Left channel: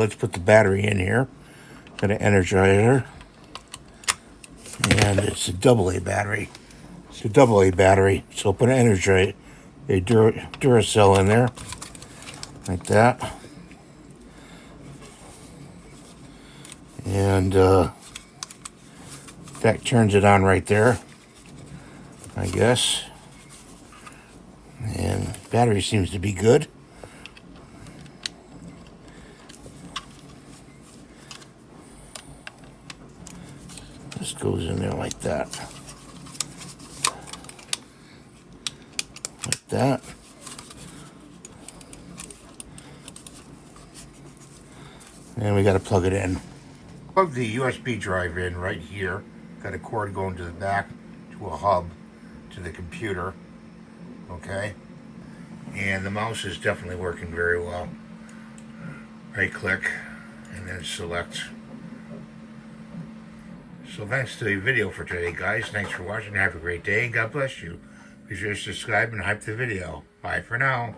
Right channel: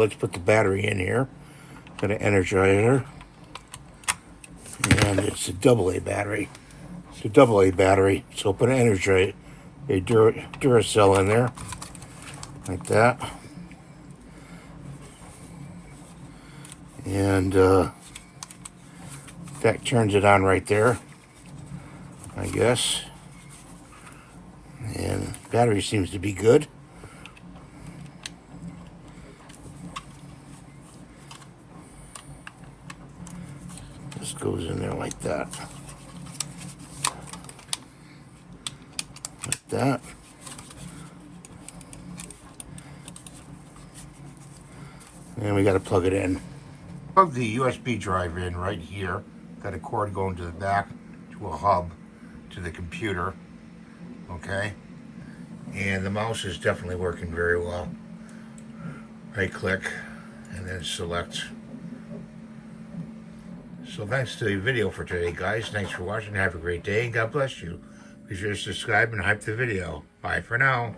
Let's put the battery in here. Got an energizer. And it's a AA battery. It's a AA battery. So put an energizer, a Duracell in there. Like that. And that turns it on right there, I guess. And battery seems to be good. This goes in there like that. Like that. And we got to plug it in. Plug the USB drive in right here. Got a cord going to the back to a hub to the computer. Okay. And the mouse is definitely working very well. Right click and then select. So that's the video for today, guys. Thanks for watching. Have a great day and God bless you. Be sure to subscribe and hype the video. Bye for now.